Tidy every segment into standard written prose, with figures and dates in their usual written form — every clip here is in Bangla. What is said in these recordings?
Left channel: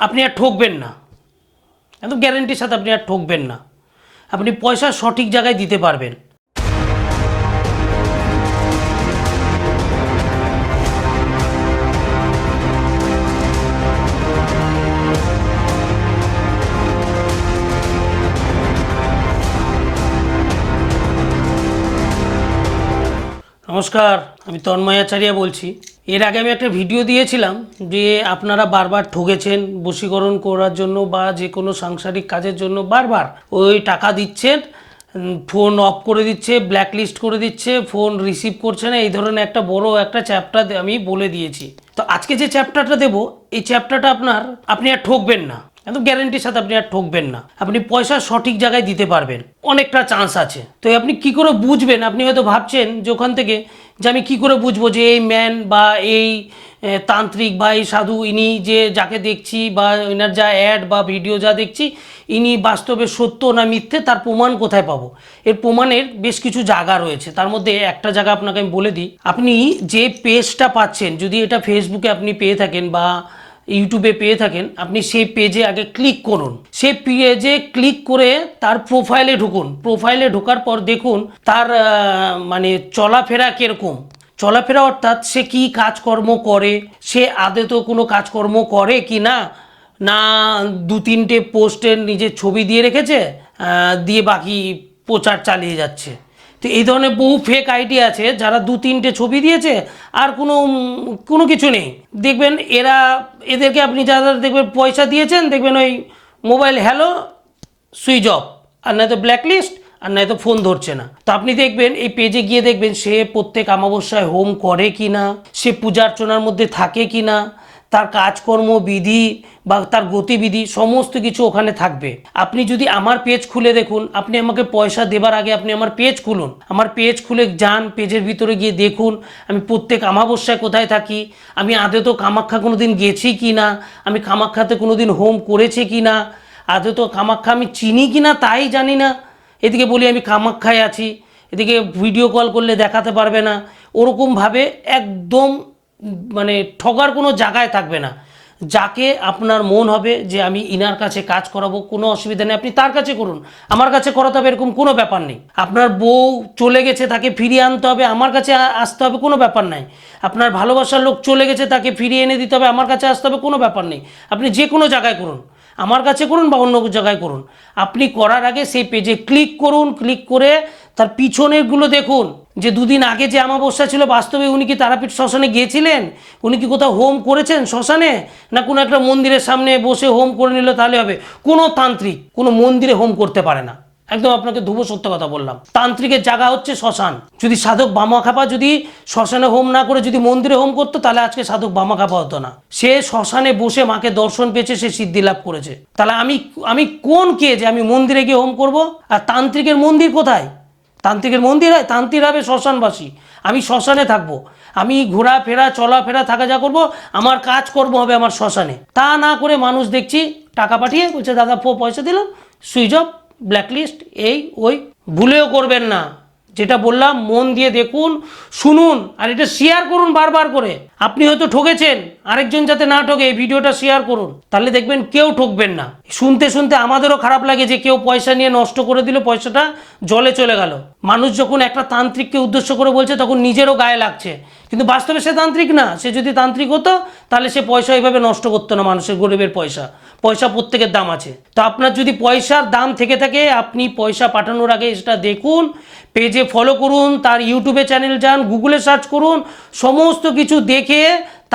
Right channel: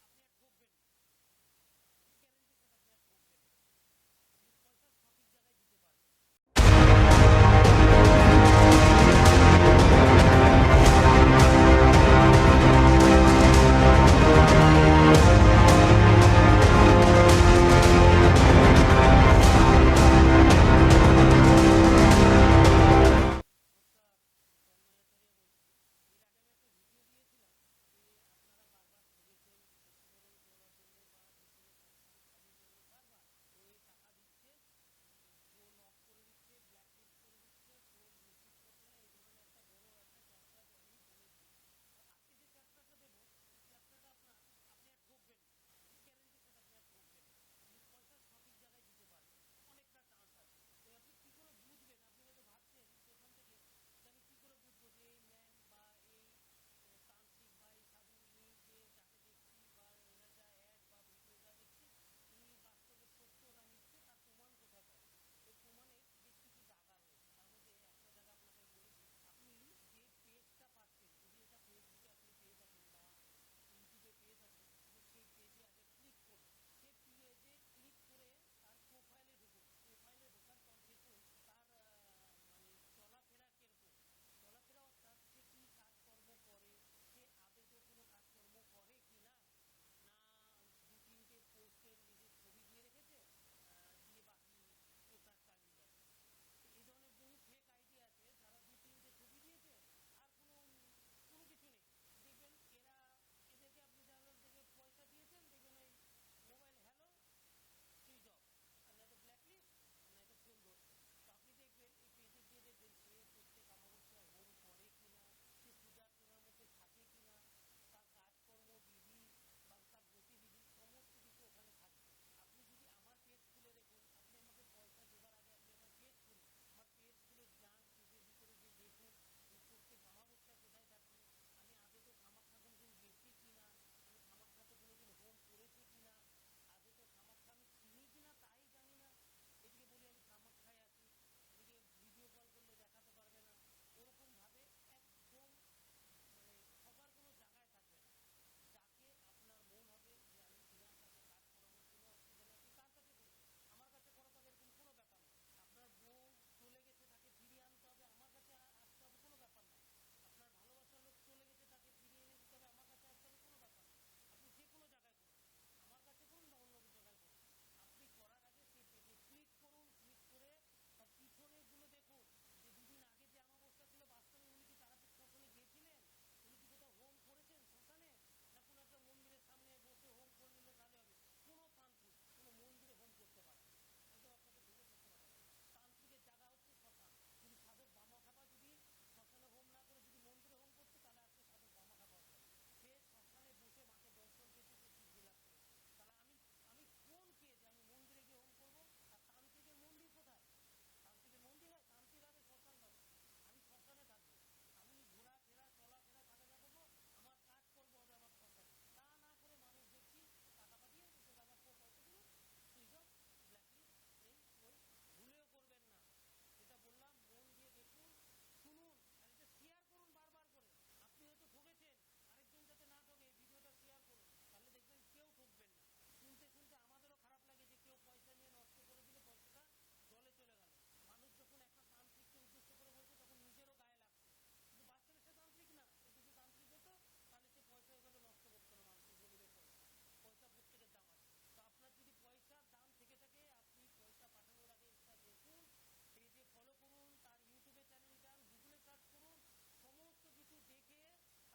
আপনি আর ঠকবেন না, একদম গ্যারেন্টির সাথে আপনি আর ঠকবেন না। আপনি পয়সা সঠিক জায়গায় দিতে পারবেন। নমস্কার, আমি তন্ময় আচার্য বলছি। এর আগে আমি একটা ভিডিও দিয়েছিলাম যে আপনারা বারবার ঠকেছেন বশীকরণ করার জন্য বা যে কোনো সাংসারিক কাজের জন্য বারবার ওই টাকা দিচ্ছেন, ফোন অফ করে দিচ্ছে, ব্ল্যাকলিস্ট করে দিচ্ছে, ফোন রিসিভ করছে না, এই ধরনের একটা বড় একটা চ্যাপ্টার আমি বলে দিয়েছি। তো আজকে যে চ্যাপ্টারটা দেবো, এই চ্যাপ্টারটা আপনি আর ঠকবেন না, একদম গ্যারেন্টির সাথে আপনি আর ঠকবেন না। আপনি পয়সা সঠিক জায়গায় দিতে পারবেন, অনেকটা চান্স আছে। তো আপনি কি করে বুঝবেন? আপনি হয়তো ভাবছেন যে ওখান থেকে যে আমি কি করে বুঝবো যে এই ম্যান বা এই তান্ত্রিক বা এই সাধু, ইনি যে যাকে দেখছি বা এনার যা অ্যাড বা ভিডিও যা দেখছি, ইনি বাস্তবে সত্য না মিথ্যে, তার প্রমাণ কোথায় পাবো? এর প্রমাণের বেশ কিছু জায়গা রয়েছে। তার মধ্যে একটা জায়গা আপনাকে আমি বলে দিই। আপনি যে পেজটা পাচ্ছেন, যদি এটা ফেসবুকে আপনি পেয়ে থাকেন বা ইউটিউবে পেয়ে থাকেন, আপনি সেই পেজে আগে ক্লিক করুন। সেই পেজে ক্লিক করে তার প্রোফাইলে ঢুকুন। প্রোফাইলে ঢোকার পর দেখুন তার মানে চলাফেরা কীরকম। চলাফেরা অর্থাৎ সে কি কাজকর্ম করে, সে আদতেও কোনো কাজকর্ম করে কি না, না দু তিনটে পোস্টের নিজের ছবি দিয়ে রেখেছে, দিয়ে বাকি প্রচার চালিয়ে যাচ্ছে। তো এই ধরনের বহু ফেক আইডি আছে যারা দু তিনটে ছবি দিয়েছে আর কোনো কিছু নেই। দেখবেন এদেরকে আপনি যারা দেখবেন পয়সা দিয়েছেন, দেখবেন ওই মোবাইল হ্যালো সুইচ অফ, আর নয়তো ব্ল্যাকলিস্ট, আর নয়তো ফোন ধরছে না। তো আপনি দেখবেন এই পেজে গিয়ে দেখবেন সে প্রত্যেক অমাবস্যায় হোম করে কি না, সে পূজা অর্চনার মধ্যে থাকে কি না, তার কাজকর্ম বিধি বা তার গতিবিধি সমস্ত কিছু ওখানে থাকবে। আপনি যদি আমার পেজ খুলে দেখুন, আপনি আমাকে পয়সা দেবার আগে আপনি আমার পেজ খুলুন, আমার পেজ খুলে যান, পেজের ভিতরে গিয়ে দেখুন আমি প্রত্যেক অমাবস্যায় কোথায় থাকি, আমি আদৌ কামাখ্যা কোনো দিন গেছি কি না, আমি কামাখ্যাতে কোনো দিন হোম করেছি কি না, আদৌ কামাখ্যা আমি চিনি কি না তাই জানি না। এদিকে বলি আমি কামাখ্যায় আছি, এদিকে ভিডিও কল করলে দেখাতে পারবে না। ওরকমভাবে একদম মানে ঠগার কোনো জায়গায় থাকবে না। যাকে আপনার মন হবে যে আমি ইনার কাছে কাজ করাবো, কোনো অসুবিধা নেই, আপনি তার কাছে করুন। আমার কাছে করাতে হবে এরকম কোনো ব্যাপার নেই। আপনার বউ চলে গেছে, তাকে ফিরিয়ে আনতে হবে, আমার কাছে আসতে হবে, কোনো ব্যাপার নাই। আপনার ভালোবাসার লোক চলে গেছে, তাকে ফিরিয়ে এনে দিতে হবে, আমার কাছে আসতে হবে, কোনো ব্যাপার নেই। আপনি যে কোনো জায়গায় করুন, আমার কাছে করুন বা অন্য জায়গায় করুন। আপনি করার আগে সেই পেজে ক্লিক করুন, ক্লিক করে তার পিছনেরগুলো দেখুন যে দুদিন আগে যে অমাবস্যা ছিল, বাস্তবে উনি কি তারাপীঠ শ্মশানে গিয়েছিলেন, উনি কি কোথাও হোম করেছেন শ্মশানে, না কোনো একটা মন্দিরের সামনে বসে হোম করে নিল তাহলে হবে? কোনো তান্ত্রিক কোনো মন্দিরে হোম করতে পারে না, একদম আপনাকে ধ্রুব সত্য কথা বললাম। তান্ত্রিকের জায়গা হচ্ছে শ্মশান। যদি সাধক বামাখ্যাপা যদি শ্মশানে হোম না করে যদি মন্দিরে হোম করতো, তাহলে আজকে সাধক বামাখ্যাপা হতো না। সে শ্মশানে বসে মাকে দর্শন পেয়েছে, সে সিদ্ধি লাভ করেছে। তাহলে আমি কোন কে যে আমি মন্দিরে গিয়ে হোম করব? আর তান্ত্রিকের মন্দির কোথায়? তান্ত্রিকের মন্দির হয়? তান্ত্রিক হবে শ্মশানবাসী। আমি শ্মশানে থাকবো, আমি ঘোরাফেরা চলাফেরা থাকা যা করবো, আমার কাজকর্ম হবে আমার শ্মশানে। তা না করে মানুষ দেখছি টাকা পাঠিয়ে বলছে দাদা পয়সা দিলাম, সুইচ অফ, ব্ল্যাকলিস্ট, এই ওই। ভুলেও করবেন না। যেটা বললাম মন দিয়ে দেখুন, শুনুন, আর এটা শেয়ার করুন বারবার করে। আপনি হয়তো ঠকেছেন, আরেকজন যাতে না ঠকে এই ভিডিওটা শেয়ার করুন, তাহলে দেখবেন কেউ ঠকবেন না। শুনতে শুনতে আমাদেরও খারাপ লাগে যে কেউ পয়সা নিয়ে নষ্ট করে দিল, পয়সাটা জলে চলে গেল। মানুষ যখন একটা তান্ত্রিককে উদ্দেশ্য করে বলছে তখন নিজেরও গায়ে লাগছে, কিন্তু বাস্তবে সে তান্ত্রিক না। সে যদি তান্ত্রিক হতো তাহলে সে পয়সা এইভাবে নষ্ট করতো না, মানুষের গরিবের পয়সা। পয়সা প্রত্যেকের দাম আছে। তো আপনার যদি পয়সার দাম থেকে থাকে, আপনি পয়সা পাঠানোর আগে সেটা দেখুন, পেজে ফলো করুন, তার ইউটিউবে চ্যানেল যান, গুগলে সার্চ করুন, সমস্ত কিছু দেখে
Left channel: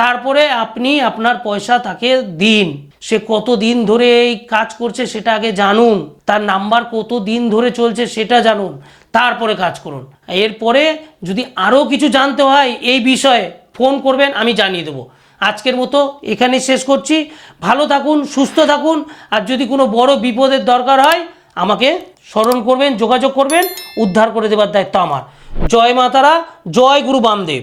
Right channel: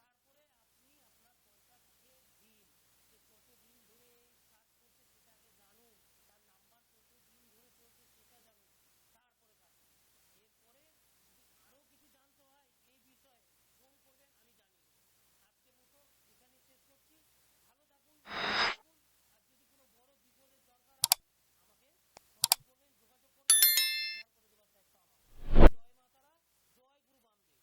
তারপরে আপনি আপনার পয়সা তাকে দিন। সে কত দিন ধরে এই কাজ করছে সেটা আগে জানুন, তার নাম্বার কত দিন ধরে চলছে সেটা জানুন, তারপরে কাজ করুন। এরপরে যদি আরও কিছু জানতে হয় এই বিষয়ে ফোন করবেন, আমি জানিয়ে দেবো। আজকের মতো এখানেই শেষ করছি। ভালো থাকুন, সুস্থ থাকুন, আর যদি কোনো বড় বিপদের দরকার হয় আমাকে স্মরণ করবেন, যোগাযোগ করবেন, উদ্ধার করে দেবার দায়িত্ব আমার। জয় মা তারা, জয় গুরু বামদেব।